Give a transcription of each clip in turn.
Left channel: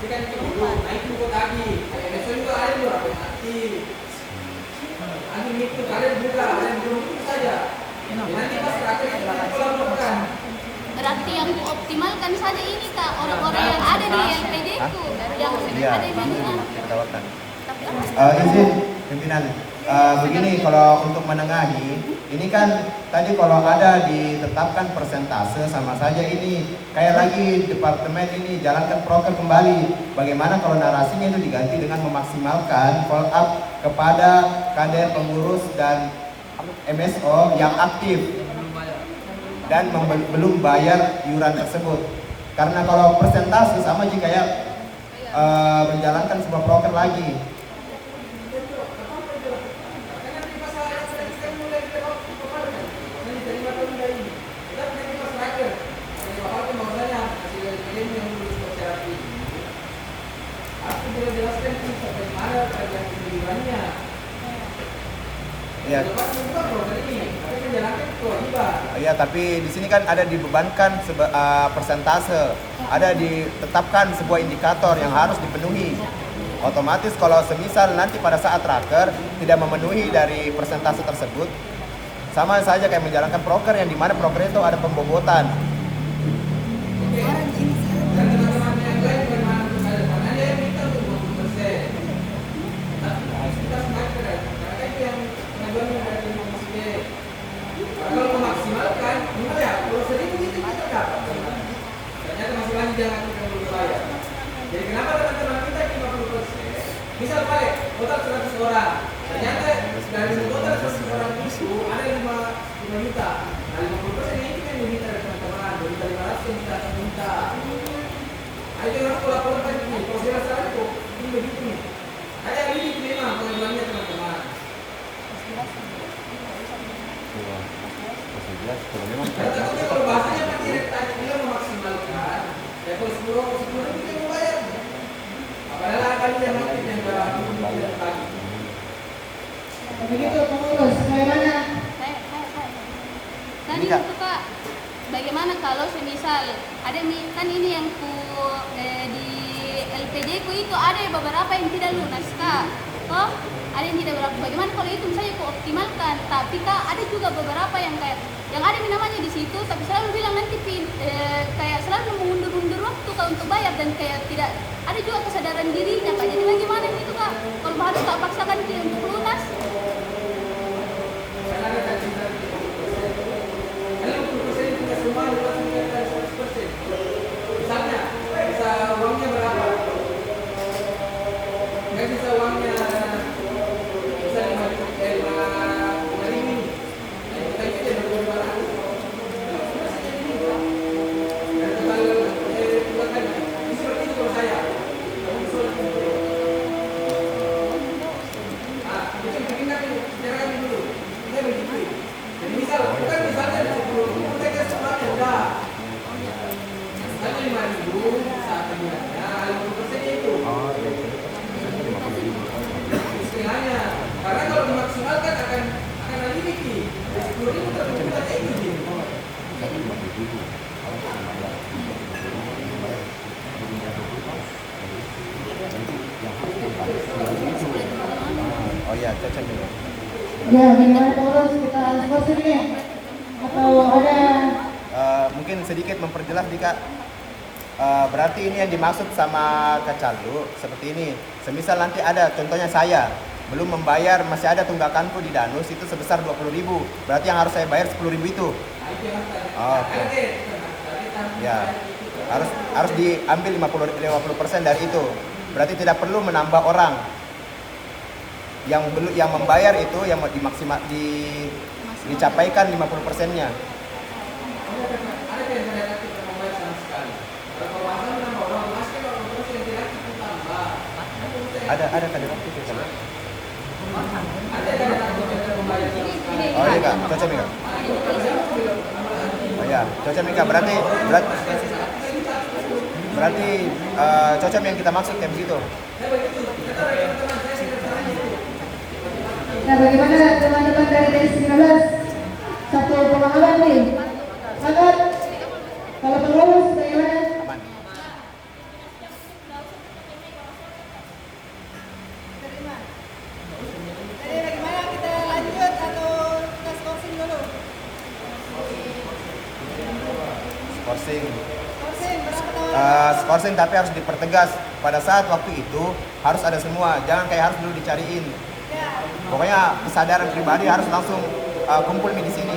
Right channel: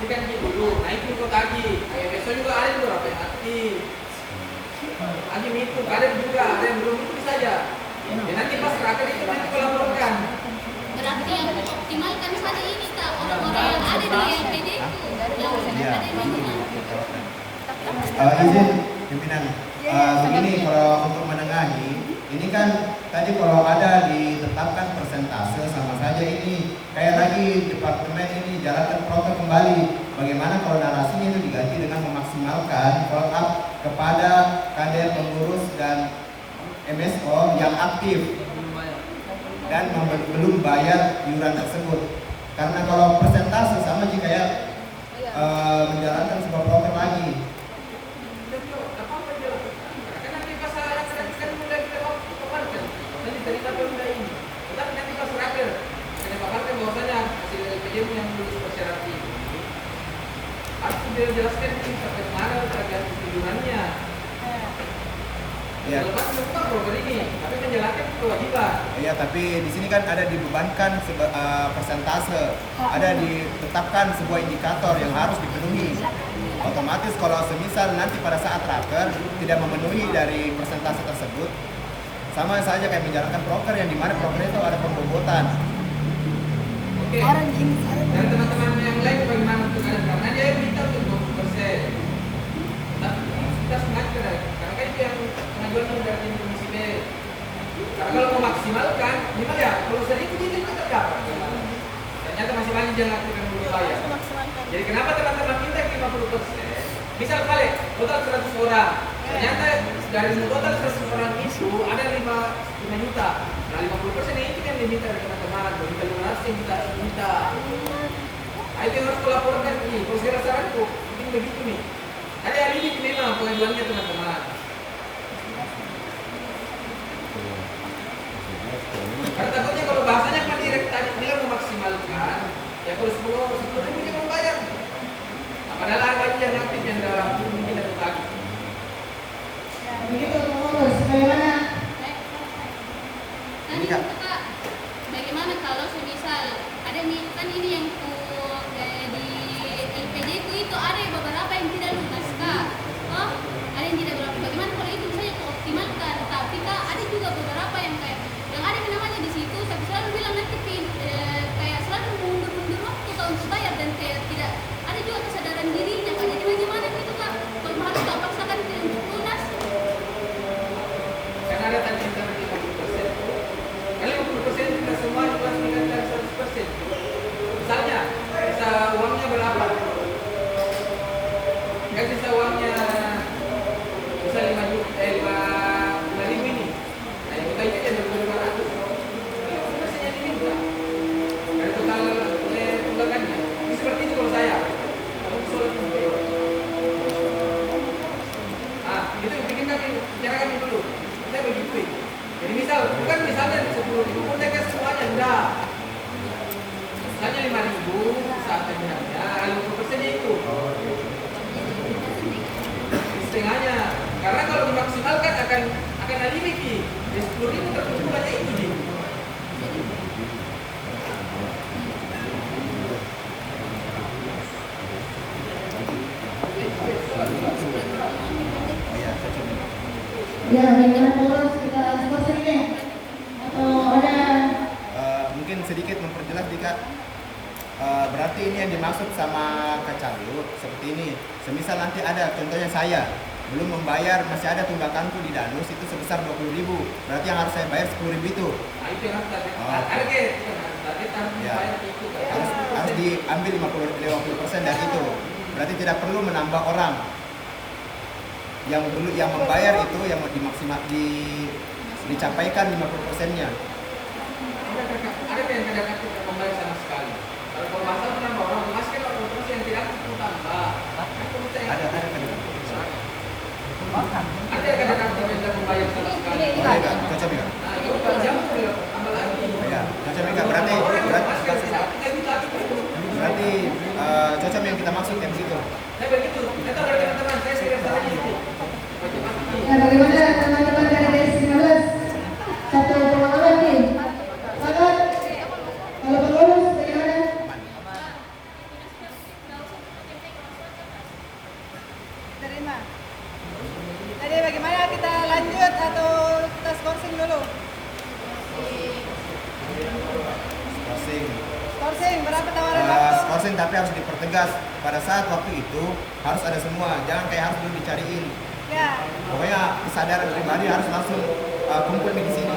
ini kan dulu naik juga tadi, kayak besok juga ada yang berapa yang aktif. Lagi itu ada juga, ada yang belum itu saja. Ya, nanti pas raker itu nanti aku laporkan. Berarti yang optimalkan saja ini Kak, orang-orang yang ada di LPD itu yang Iya, ada di mana? kita tawarkan. Izin pimpinan. Begini, kalau untuk menengahi, ini kan tadi kalau ada ditetapkan persentase sama saja ini kayak lagi departemen ini jalankan proker kembali. Bagaimana kalau narasinya itu diganti dengan memaksimalkan follow up kepada kader pengurus dan MSO yang aktif dan belum bayar iuran tersebut. Karena kalau persentase sama aja kayak menjalankan sebuah proker lagi. Tapi nanti pas raker akan dipaparkan bahwasanya hasil LPJ yang tulis persyarat ini harus dijelaskan ini sampai mana agar kejujurannya. Ya. Lepas membuka program ini, tapi menjalankan kewajiban. Iya, tapi di sini kan ada dibebankan persentase, ada ditetapkan sebuah indikator yang harus dipenuhi. Otomatis kalau semisal nanti pada saat raker tidak memenuhi dari persentase tersebut, sama saja kayak menjalankan proker yang dimana proker itu ada pembobotan. Oke. Dan teman-teman yang lain bagaimana untuk kalian? Karena dia minta untuk 20%. Tapi kita sengaja karena kan itu yang pengajuan ini dari tim komisi B. Karena kalau memaksimalkan, gimana ya? Kalau 1.000 itu kita dapat. Ternyata masih banyak yang aktif yang belum bayar. Jadi kenapa teman-teman minta 50%? Misal balik, total 100 orang. Ternyata dari total 100 orang itu ada 5 juta. Nah 50% ini kan diminta dari teman-teman. Minta 500 minta. Nah itu yang harus melaporkan nih. Kalau saya rasa itu ini begitu nih. Ada limit memang pengajuannya teman-teman. Karena takutnya kalau bahasanya Pak Direk tadi bilang memaksimalkan, ya kalau 10 ribu dia mau bayar. Padahal banyak yang aktif yang dalam tidak lagi. Begitu pengurus, bagaimana? Tadi itu Kak, bagaimana kalau semisal ada kan ini yang di LPJ ku itu ada beberapa yang tidak lunas Kak. Oh, ada yang tidak berapa. Bagaimana kalau itu misalnya ku optimalkan, tapi Kak ada juga beberapa yang kayak yang ada namanya di situ, tapi selalu bilang nanti kayak selalu mundur-mundur waktu Kak untuk bayar dan kayak tidak ada juga kesadaran dirinya Kak. Jadi bagaimana gitu Kak? Kalau harus tak paksakan dia untuk lunas. Karena ada tadi antara 50%. Karena 50% itu tidak semua lunas meningkat dari 100%. Misalnya, bisa uangnya berapa? Kan bisa uangnya bisa 5 ribu ini. Nah, juta itu dia ber-500. Ini 50% yang diminta. Dari total tunggakannya. Ini seperti itu kalau saya. Kamu sulit itu. Ah, itu yang bikin kami bicara kami dulu. Kita begitu. Jadi misal, bukan misalnya 10 ribu, mereka semuanya udah. Misalnya 5 ribu saat terlihatnya, 50% itu. Setengahnya. Karena kalau dimaksimalkan akan limit. Ya 10 ribu terkumpulnya itu dia. Oh iya, cocok. Ya, dengan pengurus kita seperti ini. Atau ada Mungkin sedikit memperjelas jika berarti ini yang dimaksud sama Kacalu seperti ini. Semisal nanti ada contohnya saya belum membayar, masih ada tunggakanku di Danus itu sebesar 20.000. Berarti yang harus saya bayar 10.000 itu. Nah, itu yang harus Ya, harus diambil 50% dari itu. Berarti tidak perlu menambah orang. Yang membayar itu yang dicapaikan 50%-nya. Ada yang tidak aktif membayar sama sekali. Kalau pembahasan menambah orang masih kalau terus yang tidak aktif tambah. Ada kadang itu kan. Ada yang tidak aktif yang tidak membayar sama sekali. Oh iya, cocok enggak? Nah, itu kalau jam tambah lagi. Oh iya, cocok enggak? Berarti cocok yang kita maksud kayak begitu. Saya begitu. Kita tahu dari teman-teman saya segera salah itu. nah, bagaimana teman-teman dari DS 15? Satu pemahaman nih. Sangat kalau pengurus bagaimana? skorsing, tapi harus dipertegas pada saat waktu itu harus ada semua, jangan kayak harus dulu dicariin. Pokoknya kesadaran pribadi harus langsung kumpul di sini.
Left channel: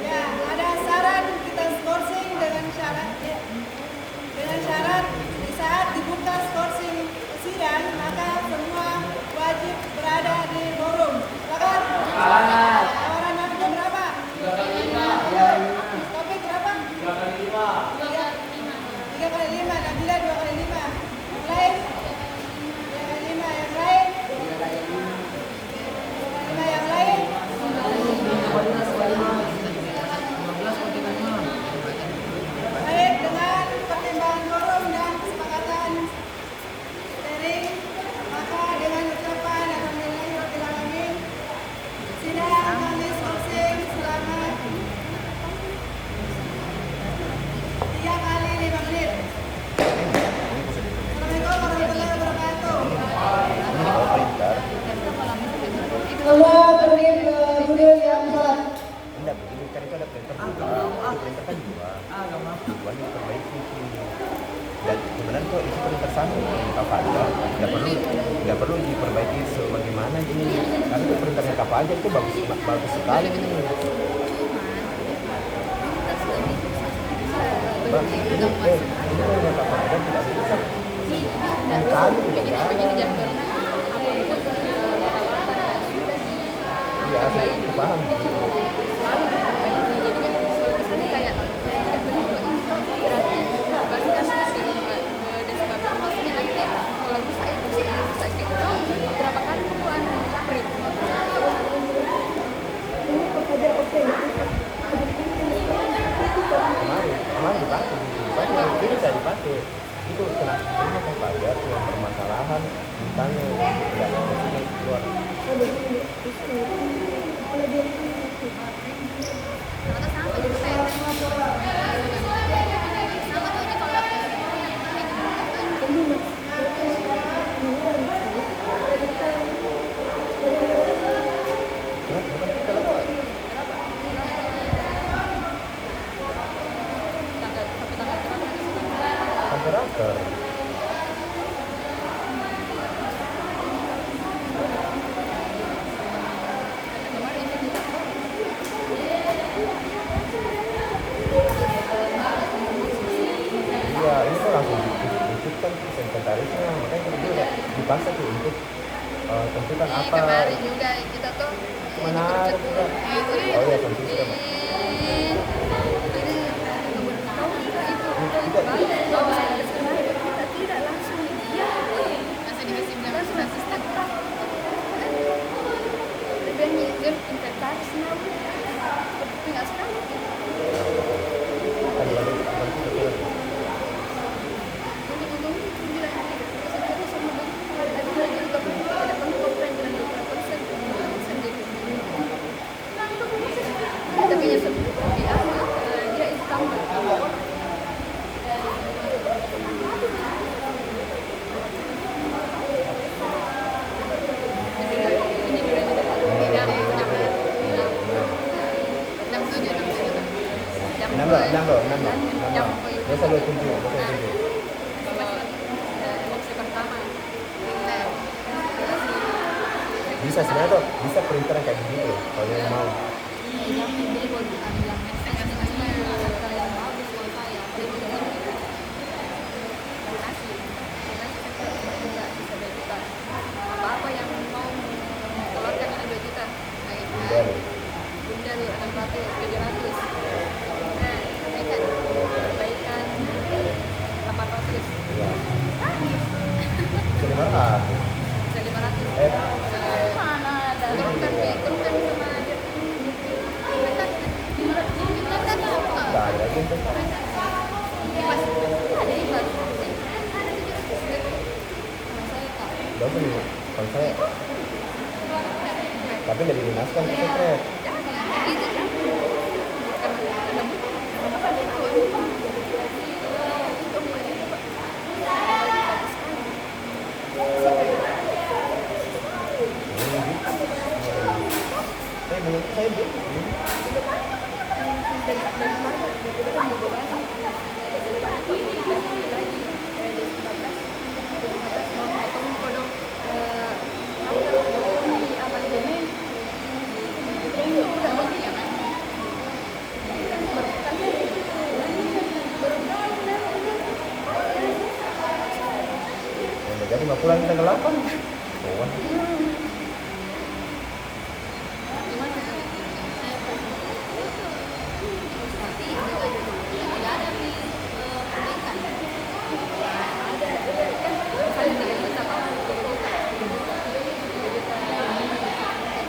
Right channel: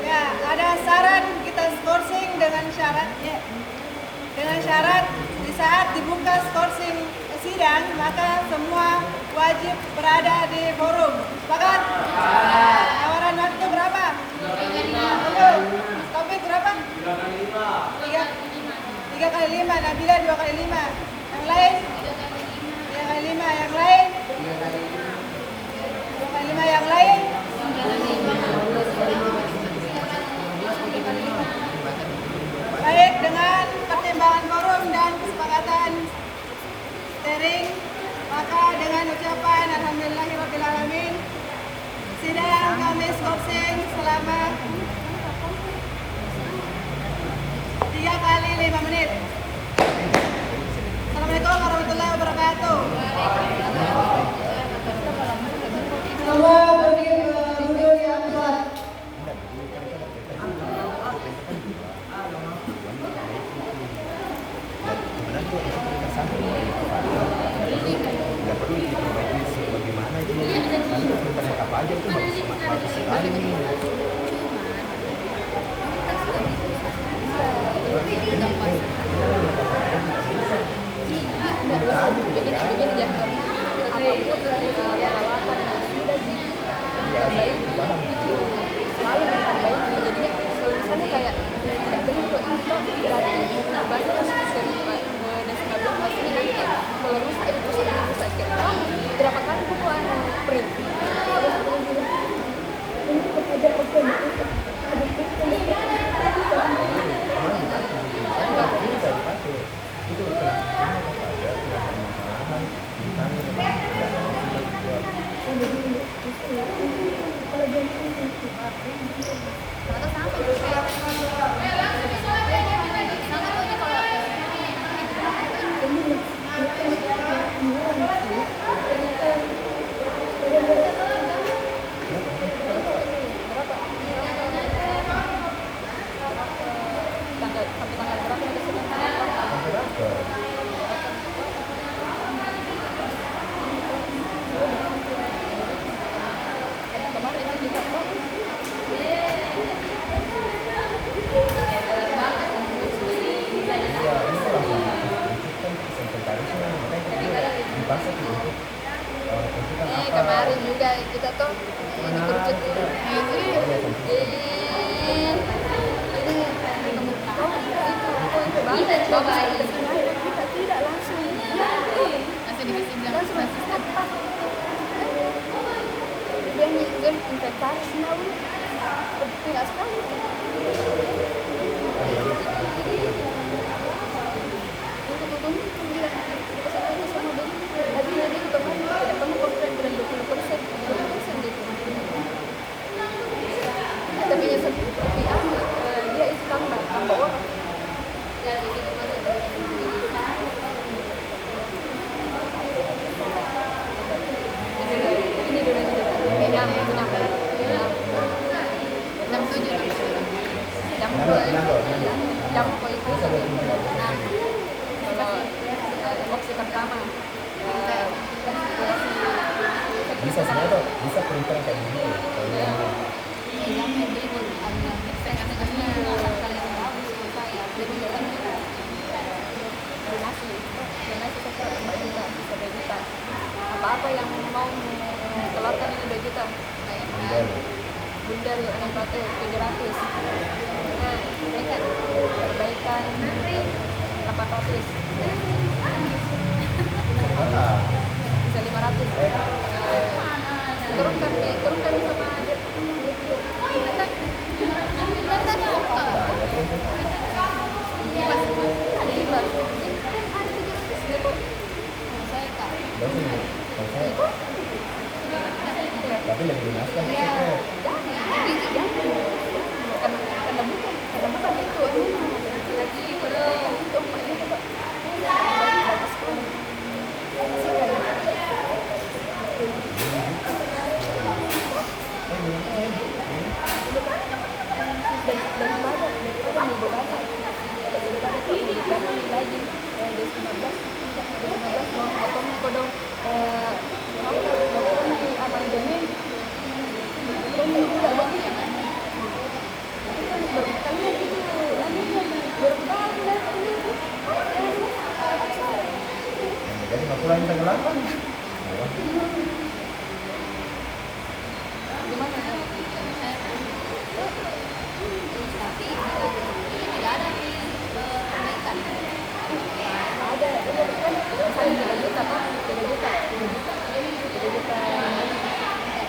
Ya, ada syarat kita skorsing dengan syarat ya. Dengan syarat di saat dibuka skorsing sidang maka semua wajib berada di forum. Sepakat? Amaran waktu berapa? 3 Taufik berapa? 3 kali 5, Nabila 2 kali 5. Yang lain? 3 kali 5, yang lain? 3 kali 5 yang lain? Baik, dengan pertimbangan forum dan kesepakatan steering, maka dengan ucapan alhamdulillahirabbil alamin, sidang kami skorsing selama 3 kali 5 menit. Assalamualaikum warahmatullahi wabarakatuh. Semua beri guru yang sah. Dan sebenarnya itu prioritas satu dari Kapalda, nggak perlu diperbaiki sebagaimana itu, karena itu prioritasnya Kapalda itu bagus sekali nih. Berapa kali kumpulan print? Ini kepada oke Itu ada permasalahan misalnya Ternyata sama juga kayak sama tuh ini kalau iya, ini kan langsung ditunjukkan sekretarisnya, makanya kita juga dipaksa tuh untuk tentukan apa kemarin juga kita tuh menarik kita. Oh ya, tentukan. Kita tidak langsung dikasih bilang sistem dan inventarisnya penting sekali. Kan baru kita lagi. Dia itu tambah orang. Biasa 27. Kalau opsi pertama Bisa sebenarnya tuh, bisa printer kayak gini kalau mau. bilang beli buat bilang testingnya satu kali yang bagus kalau saya beli kan donasi kita ke 4 juta, bisa 2 juta. Apa-apa yang mau keluarkan 2 juta. Bundel. Bundel anak batu 700. Nah, perbaikan 800. Sebenarnya Bisa 500. mana ada Turunkan sama aja. Inventarnya apa? ada gitu. Kipas Ada 500. Ada 700 gitu. saya kak Berapa nih? Kalau saya tapi lagi dimasukkan ke Ya, sekret. karena bukan itu. Itu emaknya coba. Bagus sekali. Menurut saya Bu, Dan banyak, kita kan mau banyak. baru kalian itu baru tahu lah Jadi 50 kita ke 8. Oh. gimana ya? Tapi tidak ada perbaikan. Ada kan misalnya 3 juta apa 3 juta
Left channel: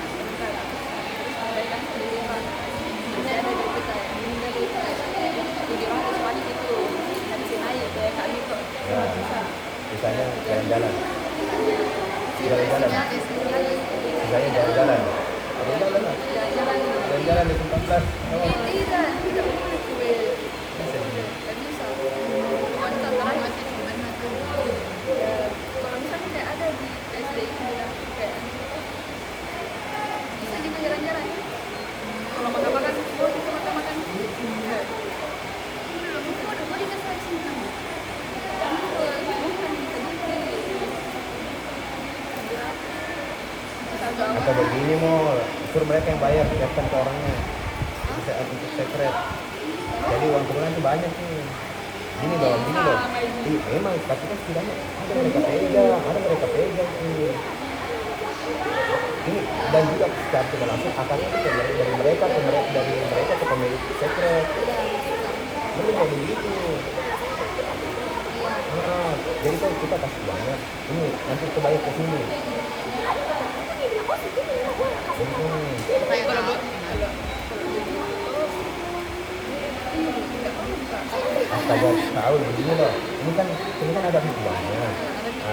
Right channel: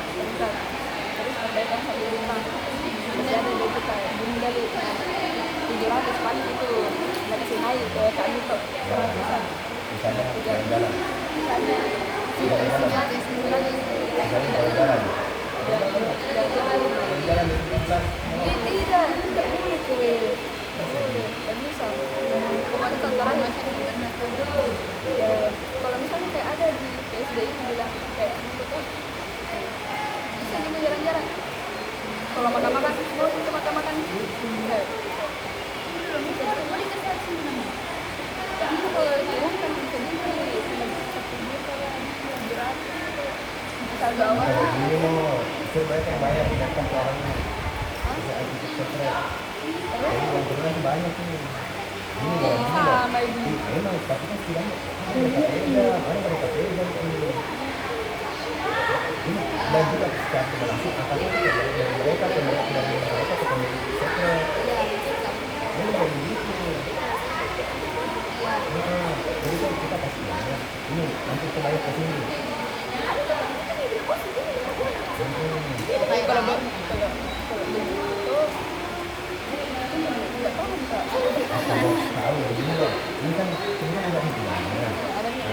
sebentar harus perbaikan 1 juta masih ada 2 juta ini dari 700 paling itu nggak bisa naik kayak kami kok 100-an Misalnya jalan-jalan. jalan-jalan Misalnya jalan-jalan. Jalan-jalan di 14. Oh. tidak boleh kue tidak bisa kemarin kantoran masih di mana ya kalau misalnya kayak ada di PSD itu bilang kayak bisa juga jalan-jalan kalau makan-makan mau itu makan-makan belum itu ada mau dikasih sini namanya ini kalau diumumkan bisa jadi 1 juta lah 700 asal bawa Maka begini mau suruh mereka yang bayar, bukan ke orangnya. Bisa attitude secret. Jadi uang turunan itu banyak nih. Ini dalam ini loh. Memang tapi kan setidaknya ada mereka pegang ini. Ini dan juga secara tidak langsung akarnya itu dari mereka ke pemilik secret. Ini jadi gitu. Jadi kan kita kasih banyak. Ini nanti kita bayar ke sini. Kalau tahu ya begini loh. Ini kan ada hitungannya.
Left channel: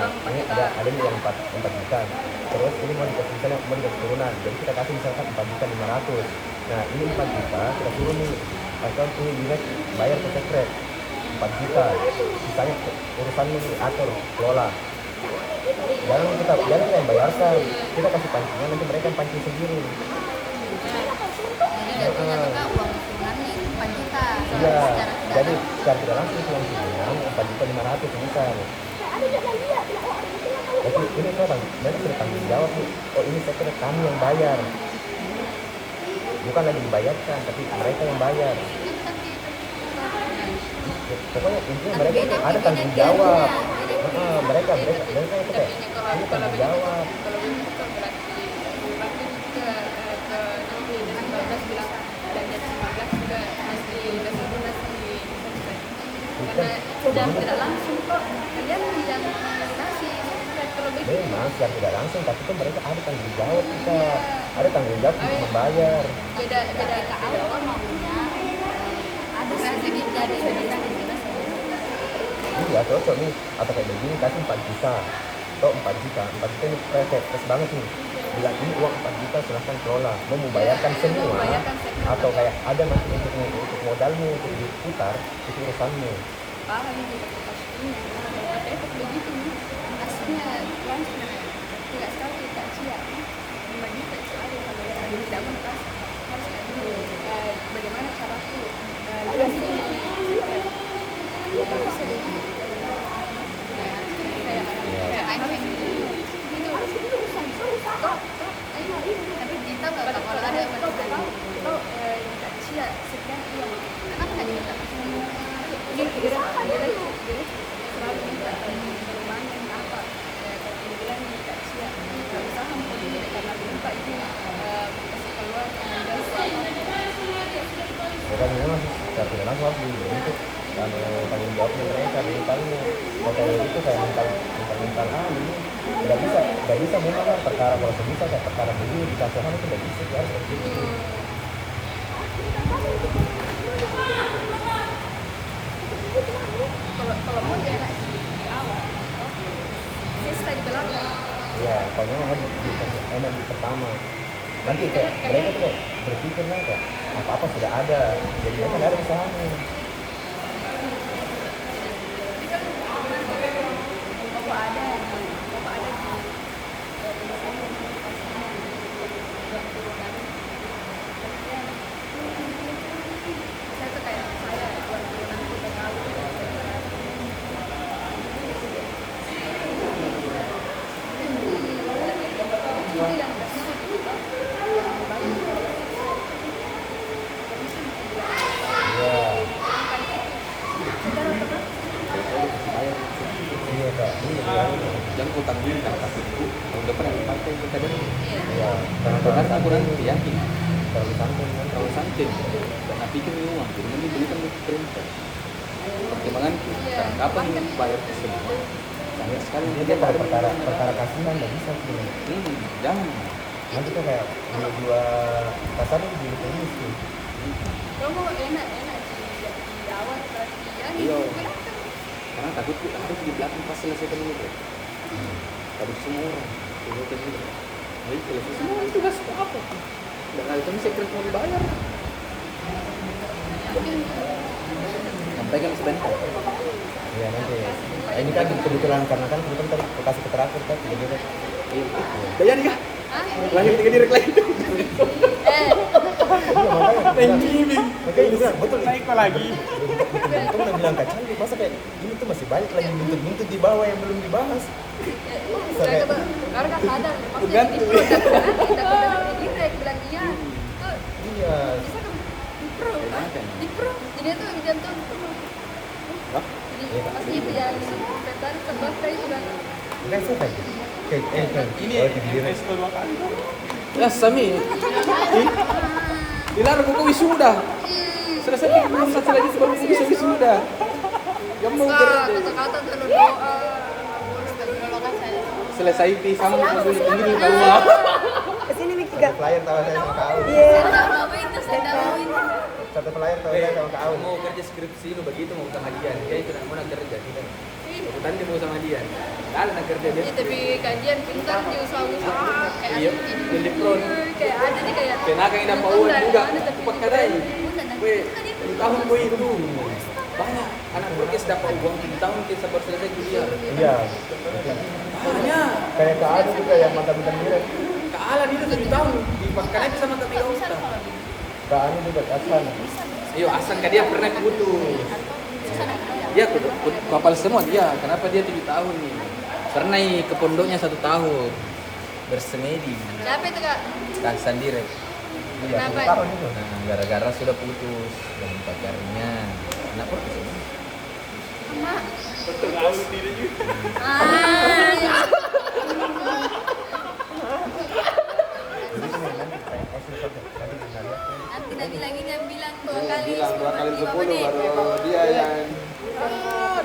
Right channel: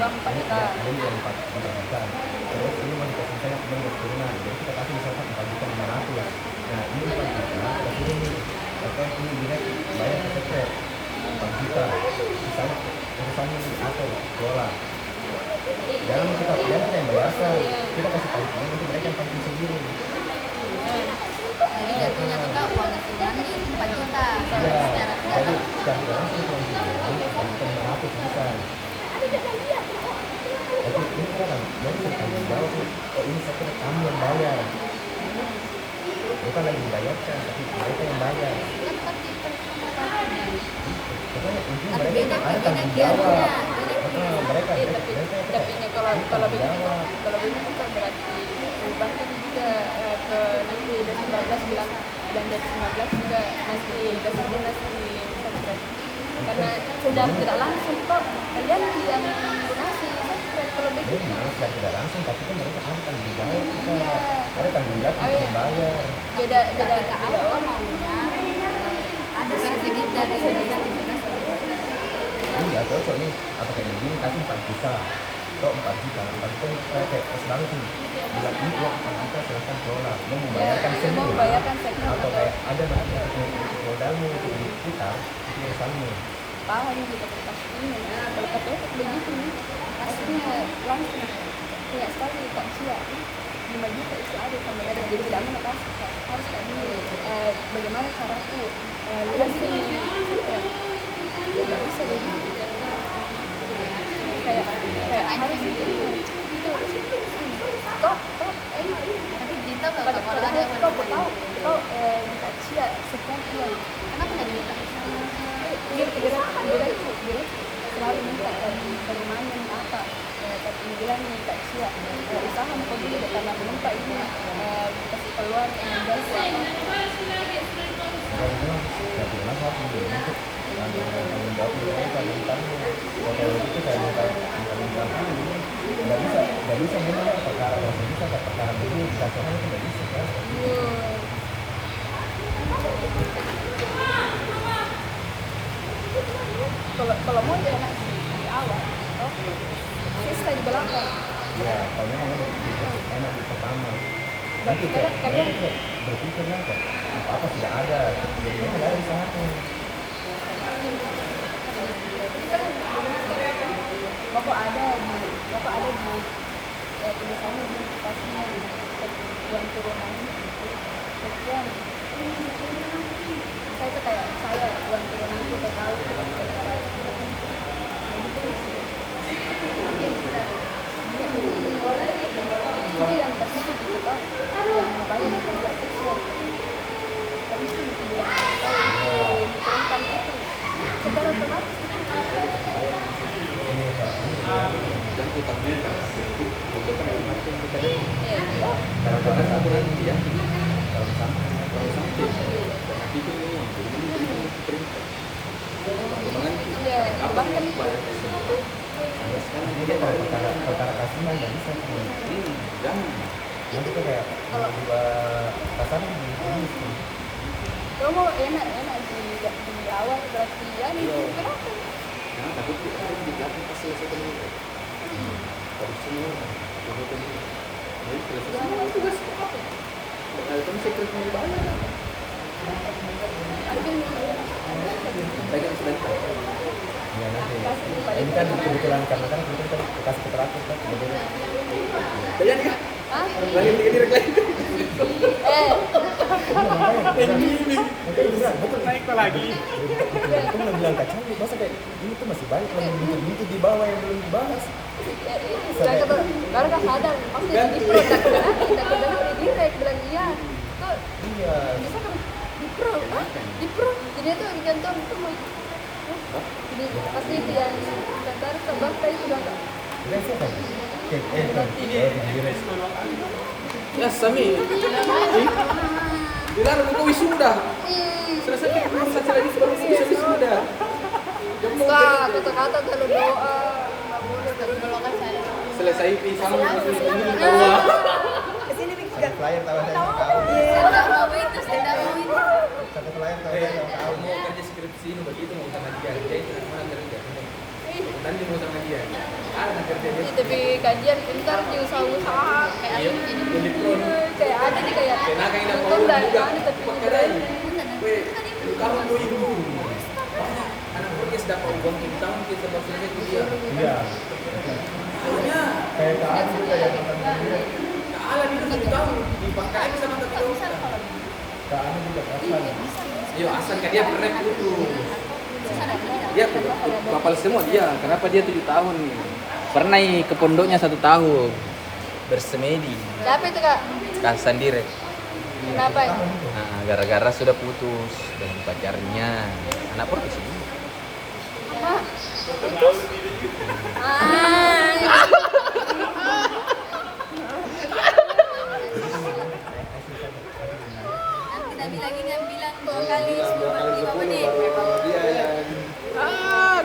Ini ada yang 4 juta. Terus ini mau dikasih misalnya bentuk turunan. Jadi kita kasih misalkan 4.500.000. Nah ini 4 juta kita turun nih. Atau ini direct bayar ke secret 4 juta. Misalnya urusannya atur kelola. Jangan kita yang bayarkan, kita kasih pancingan nanti mereka yang pancing sendiri. Jadi jatuhnya tuh kak uang turunan nih 4 juta. Iya, Secara jadi tidak secara tidak langsung uang turunan 4.500.000 bisa. Tapi ini kenapa? Mereka sudah tanggung jawab nih. Oh ini sebenarnya kami yang bayar. Bukan lagi dibayarkan, tapi mereka yang bayar. Pokoknya intinya mereka ada tanggung jawab. Mereka itu kayak kalau begitu kan berarti bahkan juga ke nanti dari 19 bilang dan dari 19 juga masih karena tidak langsung kok kalian yang donasi kalau begitu memang secara tidak langsung tapi kan mereka ada tanggung jawab ada tanggung jawab untuk membayar. beda ke awal maunya ada sedikit dari Iya cocok nih atau kayak begini kasih 4 juta atau 4 juta ini kayak pas banget nih bilang ini uang 4 juta silahkan kelola mau membayarkan semua atau kayak ada nanti untuk modalmu untuk diputar itu urusanmu paham kita pastinya kalau KPF begitu pastinya langsung tidak sekali tak siap 5 juta itu ada sama jadi tidak mau kasih harus kayak dulu bagaimana caraku jelasin tidak bisa deh kayak harus tapi kita kalau ada kau minta cia sekian uang kenapa nggak diminta? Dia selalu minta lumayan apa tapi bilang minta cia usaha mau dulu karena minta ini kasih keluar jasa bukan memang secara tidak langsung harus dibentuk dan tanggung jawab mereka mintanya kayak itu kayak minta ini tidak bisa memang perkara kalau bisa kayak perkara begini dikasihkan itu tidak bisa kan kalau mau jangan di awal saya sekali di belakang ya kayaknya emang di pertama nanti kayak mereka tuh berpikirnya kayak apa sudah ada jadi mereka ada di sana pokok ada di tulisannya pastinya uang turunan sekian saya tuh kayak saya uang turunanku total jadi yang pasti itu yang mau bayar aku tanggung aku itu udah pernah dimakan kita deh ya karena aturan yakin kalau sampai tapi itu memang jadi berikan perintah kemana apa kan sekarang dia kalau perkara kasihan nggak bisa jangan nanti tuh kayak dua pasar di tenis tuh. Kamu enak di awal perhatian Iya. itu kenapa? Karena takut di belakang pas selesai dulu. Baru semua. Baik, selesai. Nah, tugas apa? Kalau itu bisa terus mau dibayar. Sampai kan sudah. Iya nanti. Ini kan kebetulan karena kan kita kasih keteratur kan jadi Bayar ya? Hah? Lagi direk lagi. Makanya bisa betul naik lagi. Itu udah bilang kacang, masa kayak ini tuh masih banyak lagi buntut di bawah yang belum dibahas. Karena sadar pasti di pro dan direct bilang iya. Tuh Iya. bisa kan di pro jadi tuh digantung itu mah. Jadi pasti itu yang terbakar itu sudah Enggak sih kan. Ini direct. Ya Sami. Bilang aku wisuda. Selesai pengurusan lagi sebelum bisa wisuda. enggak kata-kata kalau doa enggak boleh kalau Selesai pisang ini tahu. Kesini nih Satu pelayan tahu saya sama kau. Sendal itu. Satu pelayan tahu saya sama kau. Mau kerja skripsi itu begitu mau sama dia. Dia tidak mana kerja. Tadi mau sama dia. Ada nak kerja dia. tapi kajian ini kan di usaha-usaha kayak Iya, jadi pro. kayak ada nih kayak Kena kayak nak mau Untung dah, juga. anu tapi Pakai tahun 2000. Banyak anak podcast dapat uang 7 tahun kita sampai selesai kuliah. Iya. Hanya Kayak kau juga yang mantan direct. kealah dia 7 tahun dipakai aja sama kakak. Kak Ani juga kapan? Iya, asal kan dia pernah dulu. Dia kapal semua dia. Kenapa dia 7 tahun? Pernah ke pondoknya 1 tahun. Bersemedi. siapa itu kak? Kan sendiri. Kenapa? Tahun itu. Nah, gara-gara sudah putus dengan pacarnya. Kenapa putus? Mak putus Nanti Nabi lagi yang bilang 2 kali 10 menit. Dia yang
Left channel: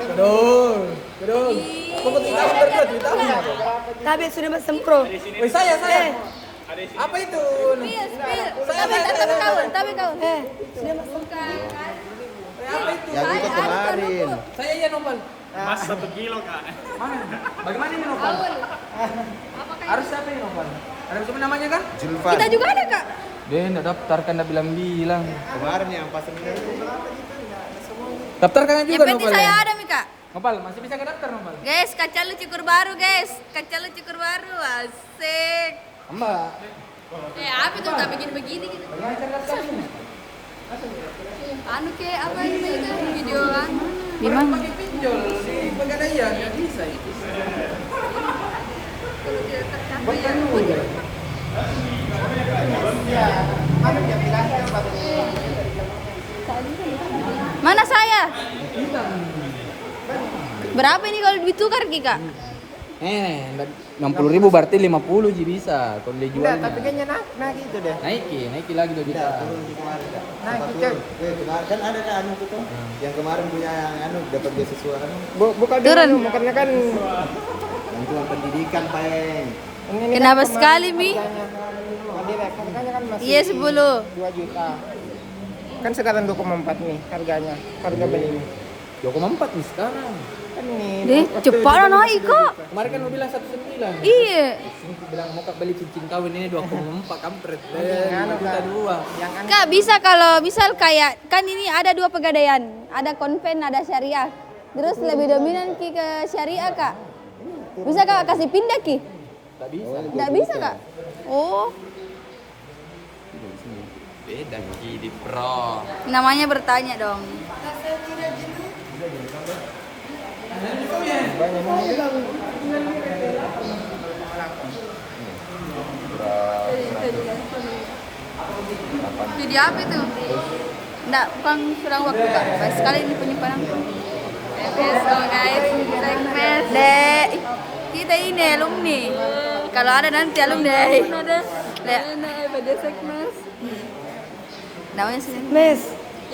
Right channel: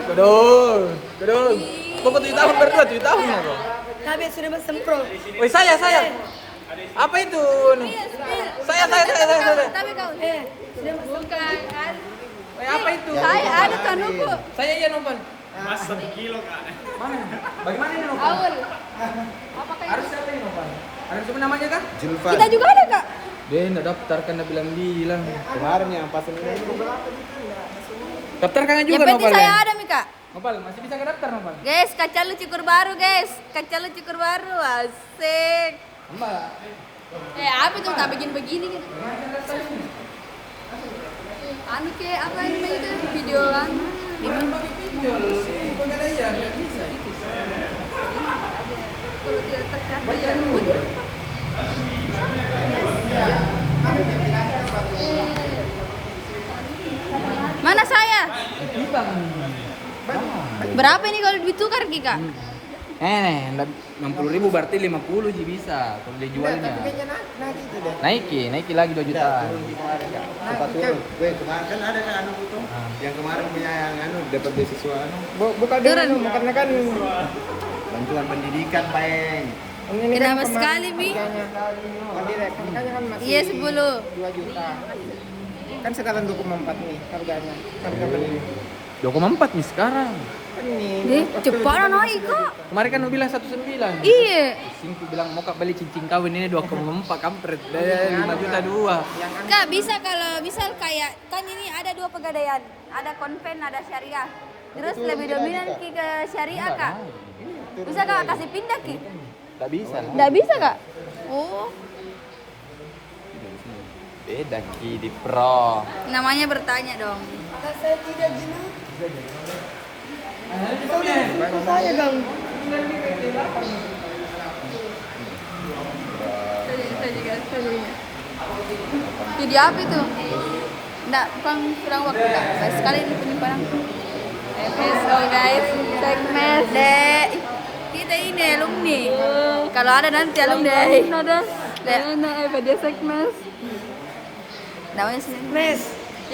Kedul. Aku mau 7 tahun kerja 7 tahun. Tapi sudah sempro. Woi saya. Apa itu? Saya. tapi kau Bukan kan? Woi apa itu? Yang itu kemarin. Saya ya Nopal. Mas 1 kilo kak. Mana? Bagaimana ini Nopal? Harus siapa ini Nopal? Ada siapa namanya kah? Julfan. kita juga ada kak Dia enggak daftar kan dia bilang. Kemarin yang pas ini Daftar kan yang juga penting Nopal. saya ya? ada Mika Nopal masih bisa ke daftar Nopal. guys kaca lu cukur baru guys kaca lu cukur baru asik Mbak. Apa tuh tak bikin begini? anu kayak apa ini video kan Di mana? Pinjol sih, pegadaian nggak bisa itu. kalau dia tercatat ya mana saya berapa ini kalau ditukar Kika? 60.000 berarti 50 sih bisa kalau dia jualnya. gitu deh. Naiki lagi 2 juta. Turun di kemarin kak. Sempat turun. Weh kemarin kan ada anu itu. Yang kemarin punya yang anu dapat beasiswa anu. Bukan Turun. karena kan Bantuan pendidikan Peng. Kenapa sekali Mi? Iya 10 kan sekarang 24 nih harganya. Harga beli. 24 nih sekarang. Kan ini Deh cepat lah naik kok Kemarin kan lu bilang 19. Iya Sini tuh bilang mau kak beli cincin kawin ini 24 kampret. 5 juta 2. Kak bisa kalau misal kayak kan ini ada 2 pegadaian ada konven ada syariah terus lebih dominan Ki ke syariah kak bisa kak kasih pindah Ki? Tak bisa. Nggak bisa kak? Oh Beda Ki di pro. namanya bertanya dong Studi apa itu? Nggak, bukan kurang waktu kak. Baik sekali ini penyimpanan. So guys, segmen deh. kita ini alumni. Kalau ada nanti alumni. Lihat. Namanya sih. Miss,